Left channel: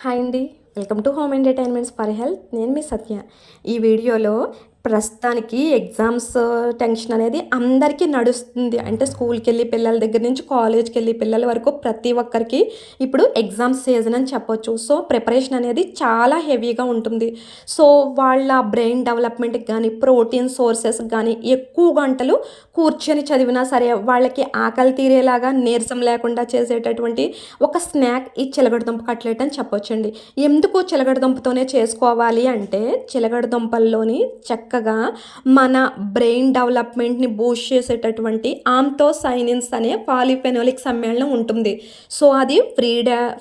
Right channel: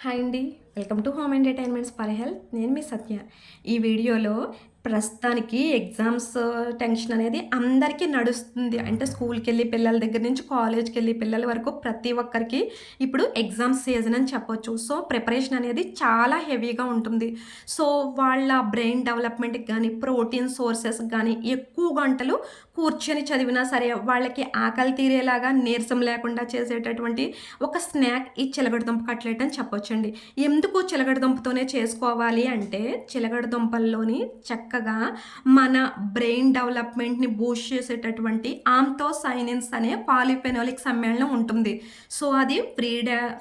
Hi అండి. Welcome to home entertainments for health. నేను మీ సత్య. ఈ వీడియోలో ప్రస్తుతానికి ఎగ్జామ్స్ టెన్షన్ అనేది అందరికీ నడుస్తుంది. అంటే స్కూల్‌కెళ్ళి పిల్లల దగ్గర నుంచి కాలేజ్‌కెళ్ళి పిల్లల వరకు ప్రతి ఒక్కరికి ఇప్పుడు ఎగ్జామ్స్ సీజన్ అని చెప్పొచ్చు. సో, ప్రిపరేషన్ అనేది చాలా హెవీగా ఉంటుంది. సో, వాళ్ళ బ్రెయిన్ డెవలప్‌మెంట్‌కి గానీ, ప్రోటీన్ సోర్సెస్‌కి గానీ ఎక్కువ గంటలు కూర్చొని చదివినా సరే వాళ్ళకి ఆకలి తీరేలాగా నీరసం లేకుండా చేసేటటువంటి ఒక స్నాక్ ఈ చిలకడదుంప కట్లెట్ అని చెప్పొచ్చండి. ఎందుకు చిలకడదుంపతోనే చేసుకోవాలి అంటే, చిలకడదుంపల్లోని చక్కగా మన బ్రెయిన్ డెవలప్మెంట్‌ని బూస్ట్ చేసేటటువంటి ఆంథోసైనిన్స్ అనే పాలిఫెనోలిక్ సమ్మేళనం ఉంటుంది. సో, అది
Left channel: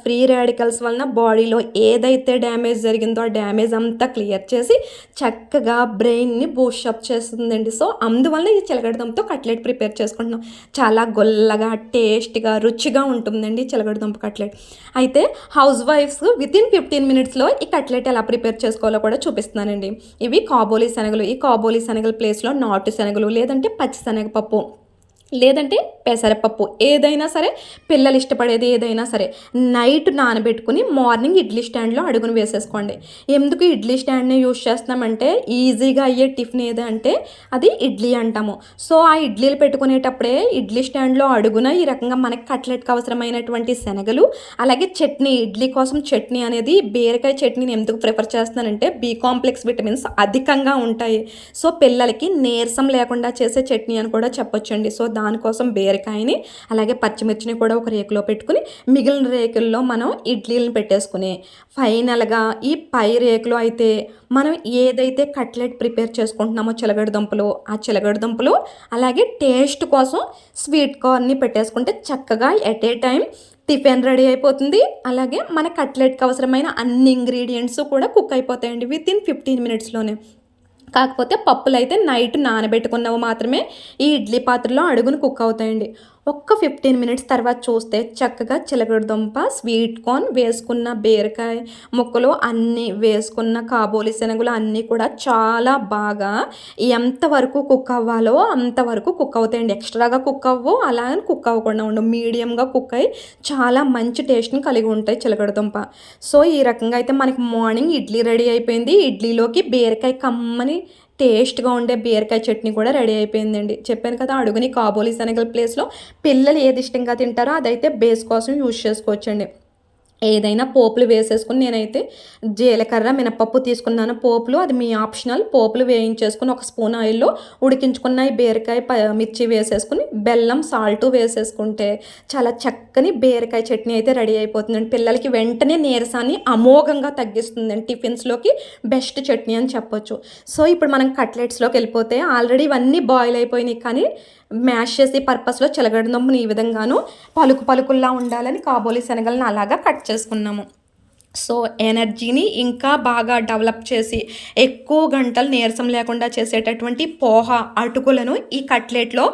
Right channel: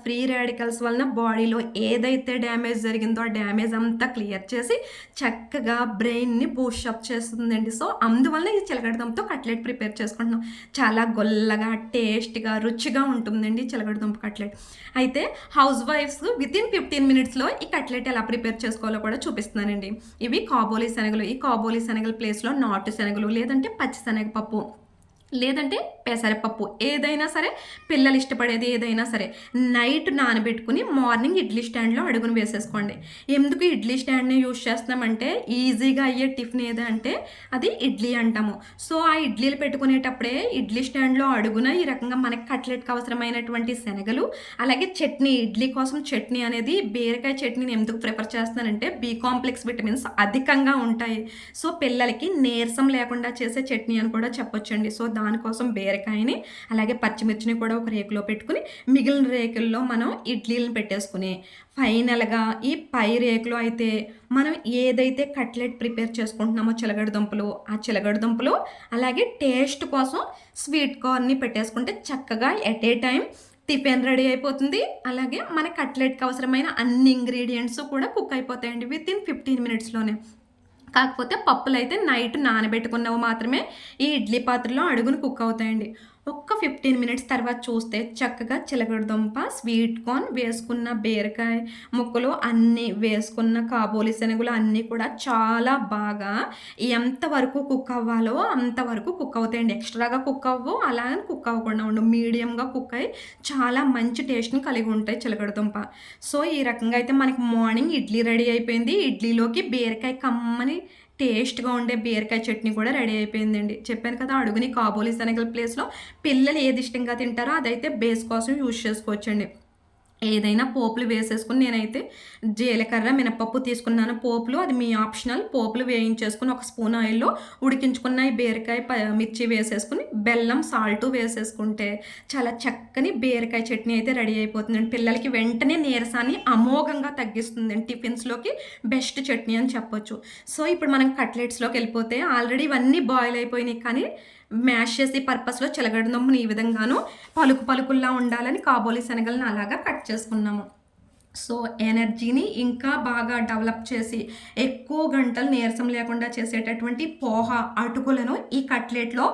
ఫ్రీ రాడికల్స్ వలన బాడీలో ఏదైతే డ్యామేజ్ జరిగిందో ఆ డ్యామేజ్ అంతా క్లియర్ చేసి చక్కగా బ్రెయిన్‌ని బూస్ట్ అప్ చేస్తుందండి. సో, అందువల్ల ఈ చిలకడదుంపతో కట్లెట్ ప్రిపేర్ చేసుకుంటున్నాం. చాలా గొల్లగా, టేస్ట్‌గా, రుచిగా ఉంటుందండి చిలకడదుంప కట్లెట్. అయితే హౌస్ వైఫ్స్ వితిన్ 15 మినిట్స్‌లో ఈ కట్లెట్ ఎలా ప్రిపేర్ చేసుకోవాలో కూడా చూపిస్తున్నానండి. ఇవి కాబోలి శనగలు. ఈ కాబోలి శనగల ప్లేస్‌లో నాటు శనగలు లేదంటే పచ్చి శనగపప్పు లేదంటే పెసరపప్పు ఏదైనా సరే, పిల్లలు ఇష్టపడేది ఏదైనా సరే నైట్ నానబెట్టుకుని మార్నింగ్ ఇడ్లీ స్టాండ్లో అడుగున వేసేసుకోండి. ఎందుకు ఇడ్లీ స్టాండ్ని యూజ్ చేస్తున్నామంటే ఈజీగా అయ్యే టిఫిన్ ఏదంటే అది ఇడ్లీ అంటాము. సో, ఆ ఇడ్లీలు పెట్టుకునేటప్పుడే ఇడ్లీ స్టాండ్లో అడుగున ఈ రకంగా మనకి కట్లెట్కి అవసరమైనటువంటి శనగలు, అలాగే చట్నీ, ఇడ్లీ కోసం చట్నీ అనేది బీరకాయ చట్నీని ఎందుకు ప్రిఫర్ చేస్తున్నానంటే బి కాంప్లెక్స్ విటమిన్స్ అధికంగా ఉంటాయి. సో, పిల్లలకి నీరసం లేకుండా చేసే చట్నీ అని కూడా చెప్పొచ్చండి. సో, దానికోసం బీరకాయని అలాగే పచ్చిమిర్చిని కూడా ఒక రేకులో పెట్టుకుని మిగిలిన రేకుల్లో మనం ఇడ్లీలను పెట్టేసుకుని ఫైనల్గా ఈ పై రేకులో అయితే మనం ఏదైతే కట్లెట్ ప్రిపేర్ చేసుకుంటున్నామో చిలగడదుంపలు, ఆ చిలగడదుంపలు అలాగే టేస్ట్ కోసం స్వీట్ కార్న్ని పెట్టేసుకుంటే చక్కగా at a time tiffin ready అయిపోతుంది. అలాగే మన కట్లెట్కి అవసరమైన అన్ని ఇంగ్రీడియంట్స్ కూడా కుక్ అయిపోతాయండి వితిన్ 15 మినిట్స్‌లోనే. కాకపోతే పప్పులైతే నైట్ నానబెట్టుకున్నవి మాత్రమే ఈ ఇడ్లీ పాత్రలో అడుగున కుక్ అవుతాయండి. ఒక్క 15 మినిట్స్ తర్వాత చూస్తే చక్కగా చిలకడదుంప, స్వీట్ కార్న్, వేసుకున్న బీరకాయ ముక్కలు అన్నీ వేసుకున్న కాబోలి శనగలు అన్నీ కూడా చాలా బాగా ఎంతవరకు కుక్ అవ్వాలో అంతవరకు కుక్ అవుతాయండి. ఎక్స్ట్రాగా కుక్ అవ్వవు, అలాగని కుక్ అవ్వకుండా ఉండవు. మీడియంగా కుక్ అయ్యి చాలా మంచి టేస్ట్‌ని కలిగి ఉంటాయి చిలకడదుంప. సో, ఈ రకంగా అయితే మనకి మార్నింగ్ ఇడ్లీ రెడీ అయిపోయింది. ఇడ్లీలోకి బీరకాయ కమ్మని టేస్ట్‌గా ఉండే బీరకాయ చట్నీ కూడా రెడీ అయిపోయిందండి. చెప్పాను కదా! అడుగుని కాబోలి శనగల ప్లేస్‌లో పిల్లలు ఏది ఇష్టంగా తింటారో అదైతే బేస్ కోసం యూజ్ చేసుకోవచ్చండి. ఏదైనా పోపులు వేసేసుకొని నేనైతే జీలకర్ర, మినపప్పు తీసుకున్నాను పోపులు. అది మీ ఆప్షనల్. పోపులు వేయించేసుకొని ఒక స్పూన్ ఆయిల్‌లో ఉడికించుకున్న ఈ బీరకాయ, మిర్చి వేసేసుకొని బెల్లం, సాల్టు వేసేసుకుంటే చాలా చక్కని బీరకాయ చట్నీ అయితే రెడీ అయిపోతుందండి. పిల్లలకి వెంటనే నీరసాన్ని అమోఘంగా తగ్గిస్తుందండి. టిఫిన్స్‌లోకి బెస్ట్ చట్నీ అని చెప్పొచ్చు. సో, ఇప్పుడు మనం కట్లెట్స్‌లోకి వెళ్ళిపోతే ఆల్రెడీ ఇవన్నీ బాయిల్ అయిపోయినాయి కానీ మ్యాష్ చేసే పర్పస్‌లో చిలగడదుంపని ఈ విధంగాను పలుకుల్లా ఉండాలని కాబోలి శనగలను అలాగా కట్ చేసుకున్నాము. సో, ఎనర్జీని ఇంకా బాగా డెవలప్ చేసి ఎక్కువ గంటలు నీరసం లేకుండా చేసేటటువంటి పోహ, అటుకులను ఈ కట్లెట్‌లో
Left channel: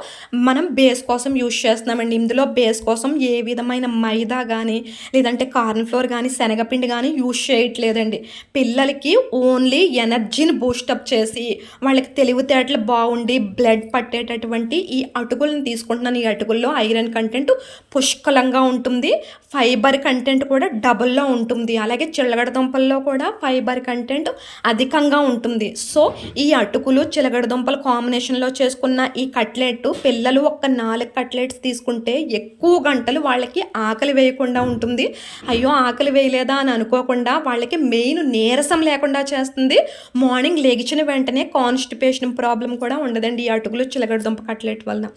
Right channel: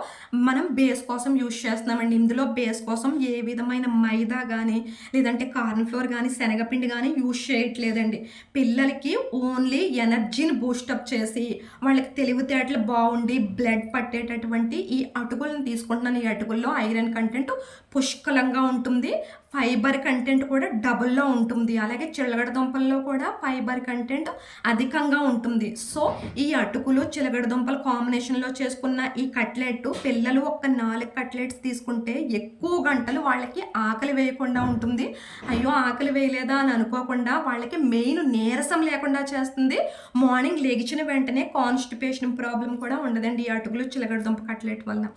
మనం బేస్ కోసం యూజ్ చేస్తున్నామండి. ఇందులో బేస్ కోసం ఏ విధమైన మైదా గానీ, లేదంటే కార్న్ ఫ్లోర్ గానీ, శనగపిండి గానీ యూజ్ చేయట్లేదండి. పిల్లలకి ఓన్లీ ఎనర్జీని బూస్టప్ చేసి, వాళ్ళకి తెలివితేటలు బావుండి, బ్లడ్ పట్టేటటువంటి ఈ అటుకులను తీసుకుంటున్నాను. ఈ అటుకుల్లో ఐరన్ కంటెంట్ పుష్కలంగా ఉంటుంది. ఫైబర్ కంటెంట్ కూడా డబుల్‌లో ఉంటుంది. అలాగే చిలగడదుంపల్లో కూడా ఫైబర్ కంటెంట్ అధికంగా ఉంటుంది. సో, ఈ అటుకులు, చిలగడదుంపల కాంబినేషన్‌లో చేసుకున్న ఈ కట్లెట్ పిల్లలు ఒక 4 కట్లెట్స్ తీసుకుంటే ఎక్కువ గంటలు వాళ్ళకి ఆకలి వేయకుండా ఉంటుంది. అయ్యో! ఆకలి వేయలేదా అని అనుకోకుండా వాళ్ళకి మెయిన్ నీరసం లేకుండా చేస్తుంది. మార్నింగ్ లెగిచిన వెంటనే కాన్‌స్టిపేషన్ ప్రాబ్లమ్ కూడా ఉండదండి ఈ అటుకులు, చిలగడదుంప కట్లెట్ వలన.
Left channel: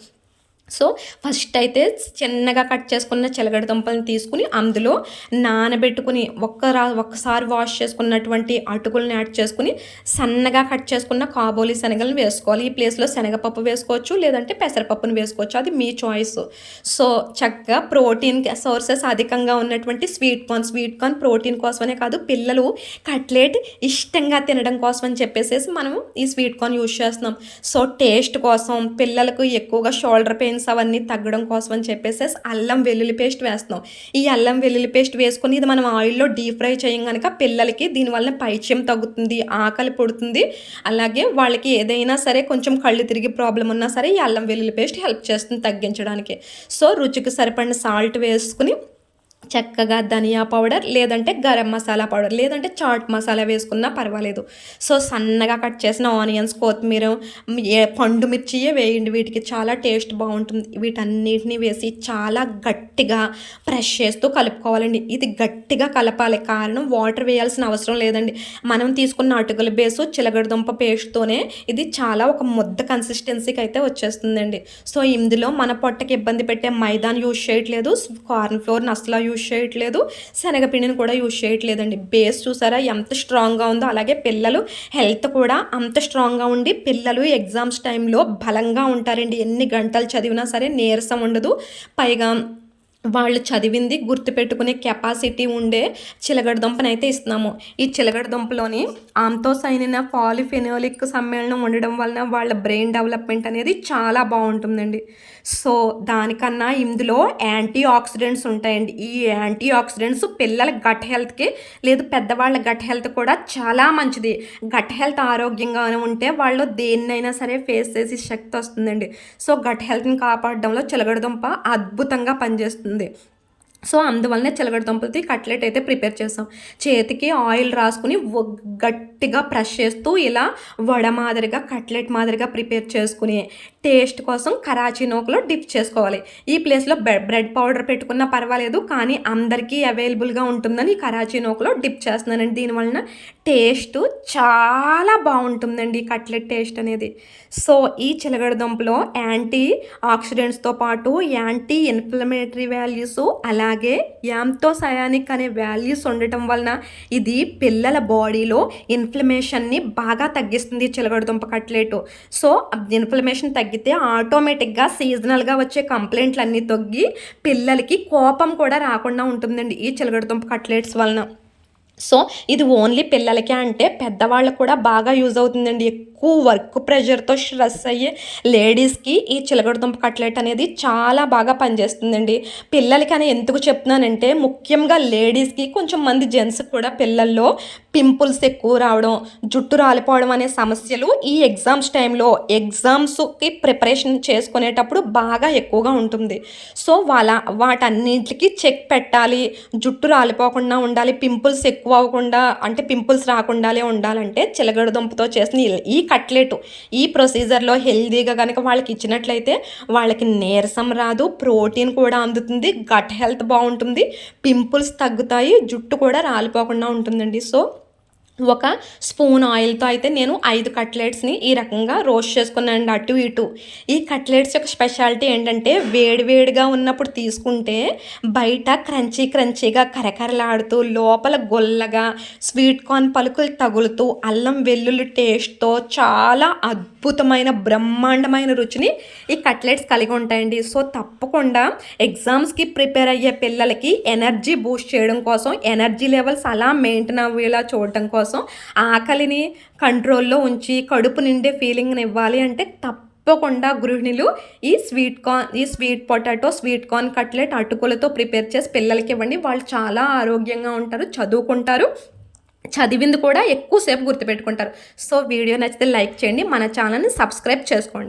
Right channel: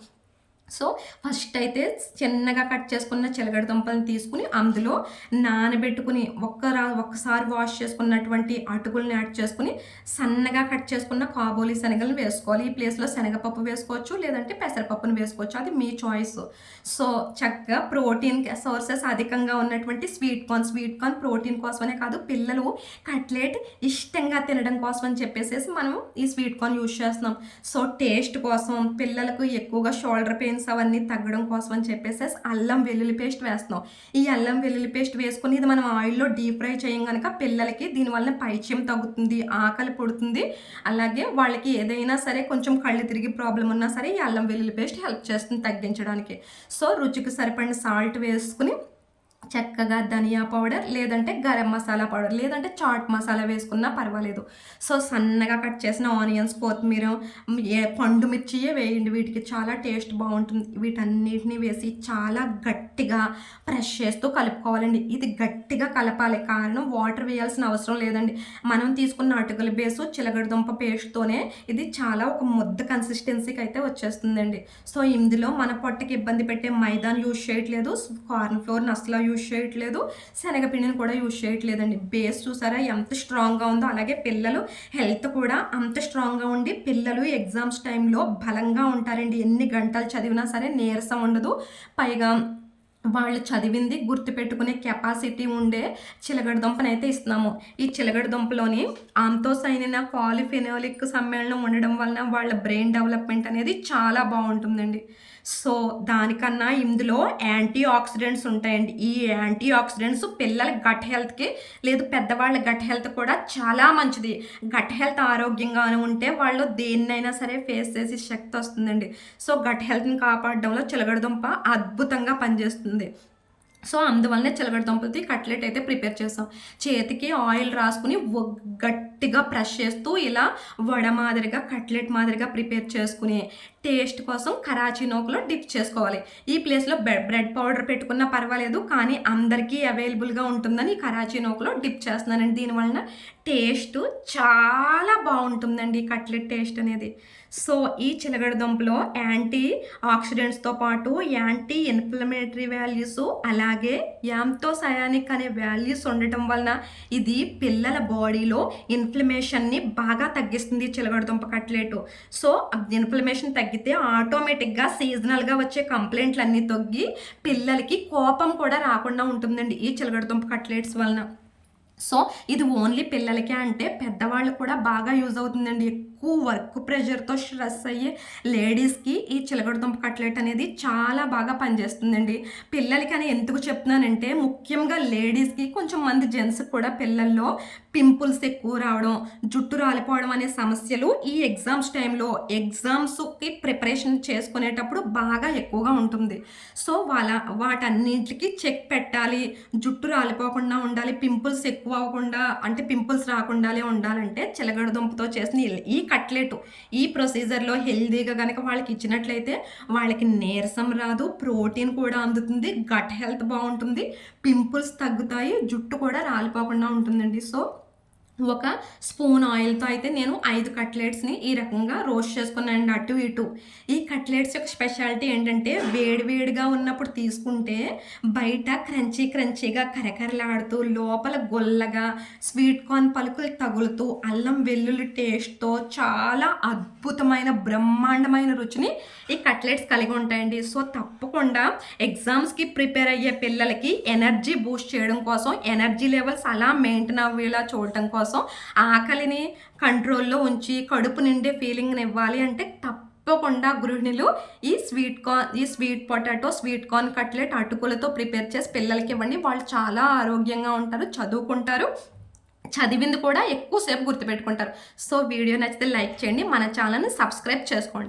సో, ఫస్ట్ అయితే చిన్నగా కట్ చేసుకున్న చిలగడదుంపలను తీసుకుని అందులో నానబెట్టుకుని ఒక్కసారి వాష్ చేసుకున్నటువంటి అటుకులను యాడ్ చేసుకుని సన్నగా కట్ చేసుకున్న కాబోలి శనగలను వేసుకోవాలి. ఈ ప్లేస్‌లో శనగపప్పు వేసుకోవచ్చు, లేదంటే పెసరపప్పును వేసుకోవచ్చు. అది మీ చాయిస్. సో, చక్కగా ప్రోటీన్ సోర్సెస్ అధికంగా ఉన్నటువంటి స్వీట్ కార్న్ ప్రోటీన్ కోసమనే కాదు, పిల్లలు కట్లెట్ ఇష్టంగా తినడం కోసం అని చెప్పేసేసి మనం ఈ స్వీట్ కార్న్ యూజ్ చేస్తున్నాం. సో, టేస్ట్ కోసం పిల్లలకు ఎక్కువగా షోల్డర్ పెయిన్స్ అవన్నీ తగ్గడం కోసం అని చెప్పేసేసి అల్లం వెల్లుల్లి పేస్ట్ వేస్తున్నాం. ఈ అల్లం వెల్లుల్లి పేస్ట్ వేసుకొని ఇది మనం ఆయిల్‌లో డీప్ ఫ్రై చేయం గనక పిల్లలకి దీనివల్ల పైత్యం తగ్గుతుంది, ఆకలి పుడుతుంది. అలాగే వాళ్ళకి ఏదైనా సరే కొంచెం కళ్ళు తిరిగి ప్రాబ్లమ్ ఉన్నా సరే ఈ అల్లం వెల్లుల్లి పేస్ట్ హెల్ప్ చేస్తుంది తగ్గించడానికి. సో, రుచికి సరిపడిన సాల్ట్ వేసుకుని చక్కగా ధనియా పౌడర్ లేదంటే గరం మసాలా పౌడర్ లేదంటే చాట్ మసాలా వేసుకున్నా పర్వాలేదు. సో సన్నగా కట్ చేసిన ఆనియన్స్, కొత్తిమీర, పండు మిర్చియే వేయండి. వీటికి చాలా టేస్ట్ బాగుంటుంది. వీటన్నిటిని వేసి చాలా గట్టిగా ప్రెస్ చేస్తూ కలుపుకోవాలండి. ఇది గట్టిగా కలపాలి, కారణం వాటర్ వేయాల్సిన అవసరం లేదండి. మనం తీసుకున్న అటుకుల బేసు చిలగడదుంప పేస్ట్తోనే ఇది చాలా ఒక ముద్ద కన్సిస్టెన్సీకి అయితే వచ్చేస్తుందండి. సో ఇందులో మన పొట్టకి ఇబ్బంది పెట్టే మైదాన్ యూజ్ చేయట్లేదు, కార్న్ ఫ్లోర్ని అసలు యూజ్ చేయట్లేదు, శనగపిండిని కూడా యూజ్ చేయట్లేదండి. బేస్ చూసారా ఎంత స్ట్రాంగ్గా ఉందో. అలాగే పిల్లలు హెల్త్ కూడా అంత స్ట్రాంగ్గా ఉండి పిల్లలు ఎగ్జామ్స్ టైంలో బలంగా ఉంటారండి. ఎన్ని గంటలు చదివినా సరే నీరసం ఉండదు. పైగా వాళ్ళు చదివింది గుర్తుపెట్టుకునే కెపాసిటీ ఉండే చిలగడదుంపనైతే ఇస్తున్నాము. ఈ చిలగడదుంపలోని ఆంతోసైనిన్ పాలిఫెనోలిక్ సమ్మేళనం ఉండడం వలన వాళ్ళ బ్రెయిన్ డెవలప్మెంట్ అనేది చాలా బాగుంటుందండి. సో దానికన్నా ఇందులో యాంటీ ఆక్సిడెంట్స్ ఉంటాయండి. ఈ యాంటీ ఆక్సిడెంట్స్ పిల్లల గట్ హెల్త్కి లేదు పెద్దవాళ్ళ గట్ హెల్త్ కూడా చాలా మంచిది. గట్ హెల్త్ ఆరోగ్యంగానే ఉంటే వాళ్ళు దేన్నైనా సరే ఫేస్ చేసే శక్తి వస్తుందండి. సో గట్ హెల్త్ని కాపాడడంలో చిలగడదుంప అద్భుతంగా పనిచేస్తుంది. సో అందువల్లనే చిలగడదుంపలతో కట్లెట్ అయితే ప్రిపేర్ చేస్తాం. చేతికి ఆయిల్ రాసుకుని గట్టిగా ప్రెస్ చేస్తూ ఇలా వడ మాదిరిగా కట్లెట్ మాదిరిగా ప్రిపేర్ చేసుకుని టేస్ట్ కోసం కరాచీ నూకలో డిప్ చేసుకోవాలి. ఈ ప్లేస్లో బ్రెడ్ పౌడర్ పెట్టుకున్నా పర్వాలేదు, కానీ అందరికీ అవైలబుల్గా ఉంటుందని కరాచీ నూకలో డిప్ చేస్తున్నానండి. దీనివలన టేస్ట్ చాలా బాగుంటుందండి కట్లెట్ టేస్ట్ అనేది. సో ఈ చిలగడదుంపలో యాంటీ ఆక్సిడెంట్స్తో పాటు యాంటీ ఇన్ఫ్లమేటరీ వాల్యూస్ అలాగే యాంతోసయానిక్ అనే వాల్యూస్ ఉండటం వలన ఇది పిల్లల బాడీలో ఇన్ఫ్లమేషన్ని బాగా తగ్గిస్తుంది చిలగడదుంప కట్లెట్. సో ఇన్ఫ్లమేషన్ తగ్గితే ఆటోమేటిక్గా సీజనల్గా వచ్చే కంప్లైంట్లు అన్నీ తగ్గి పిల్లలకి కోపం కూడా రాకుండా ఉంటుందండి ఈ చిలగడదుంప కట్లెట్స్ వలన. సో ఇది ఓన్లీ పిల్లలకే అంటే పెద్దవాళ్ళకు కూడా బాగా యూజ్ అవుతుందండి. ఎక్కువ వర్క్ ప్రెషర్తో స్ట్రెస్ అయ్యే లేడీస్కి ఈ చిలగడదుంప కట్లెట్ అనేది చాలా బాగా పనిచేస్తుందండి. పిల్లలకి అని ఎందుకు చెప్తున్నానంటే ముఖ్యంగా లేడీస్కి, కొంచెం మంది జెంట్స్కి కూడా పిల్లల్లో పింపుల్స్ ఎక్కువ రావడం, జుట్టు రాలిపోవడం అనే సమస్యలు ఈ ఎగ్జామ్స్ టైంలో ఎగ్జామ్స్కి ప్రిపరేషన్ చేసుకునేటప్పుడు బాగా ఎక్కువగా ఉంటుంది. సో వాటన్నిటికి చెక్ పెట్టాలి, జుట్టు రాలిపోకుండా ఉండాలి, పింపుల్స్ ఎక్కువ అవ్వకుండా అంటే పింపుల్స్ రాకుండా ఉండాలంటే చిలగడదుంపతో చేసిన ఈ కట్లెట్ ఈ ప్రొసీజర్లో హెల్దీగా కనుక వాళ్ళకి ఇచ్చినట్లయితే వాళ్ళకి నీరసం రాదు, ప్రోటీన్ కూడా అందుతుంది, గట్ హెల్త్ బాగుంటుంది, పింపుల్స్ తగ్గుతాయి, జుట్టు కూడా రాలిపోకుండా ఉంటుందండి. సో ఒక స్పూన్ ఆయిల్తో అయితే నేను 5 కట్లెట్స్ని ఈ రకంగా రోస్ట్ చేసుకున్నానండి అటు ఇటు. ఈ కట్లెట్స్ యొక్క స్పెషాలిటీ ఏంటంటే వేడివేడిగా ఉన్నప్పుడు తీసుకుంటే బయట క్రంచీగా కరకరలాడుతూ లోపల గొల్లగా స్వీట్ కార్న్ పలుకులు తగులుతూ అల్లం వెల్లుల్లి టేస్ట్తో చాలా అద్భుతమైన బ్రహ్మాండమైన రుచిని ఈ కట్లెట్స్ కలిగి ఉంటాయండి. సో తప్పకుండా ఎగ్జామ్స్కి ప్రిపేర్ అయ్యే పిల్లలకి ఎనర్జీ బూస్ట్ చేయడం కోసం, ఎనర్జీ లెవెల్స్ అలా మెయింటైన్ అయ్యేలా చూడటం కోసం, ఆకలిని కంట్రోల్లో ఉంచి కడుపు నిండే ఫీలింగ్ని ఇవ్వాలి అంటే తప్పకుండా గృహిణులు ఈ sweet potato sweet corn cutlet అటుకులతో ప్రిపేర్ చేసి పిల్లలకి ఇవ్వండి. వాళ్ళు చాలా ఆరోగ్యంగా ఉంటారు, చదువుకుంటారు, చదివింది కూడా ఎక్కువసేపు గుర్తుపెట్టుకుంటారు. సో వీడియో నచ్చితే లైక్ చేయండి, మన ఛానల్ని సబ్స్క్రైబ్ చేసుకోండి.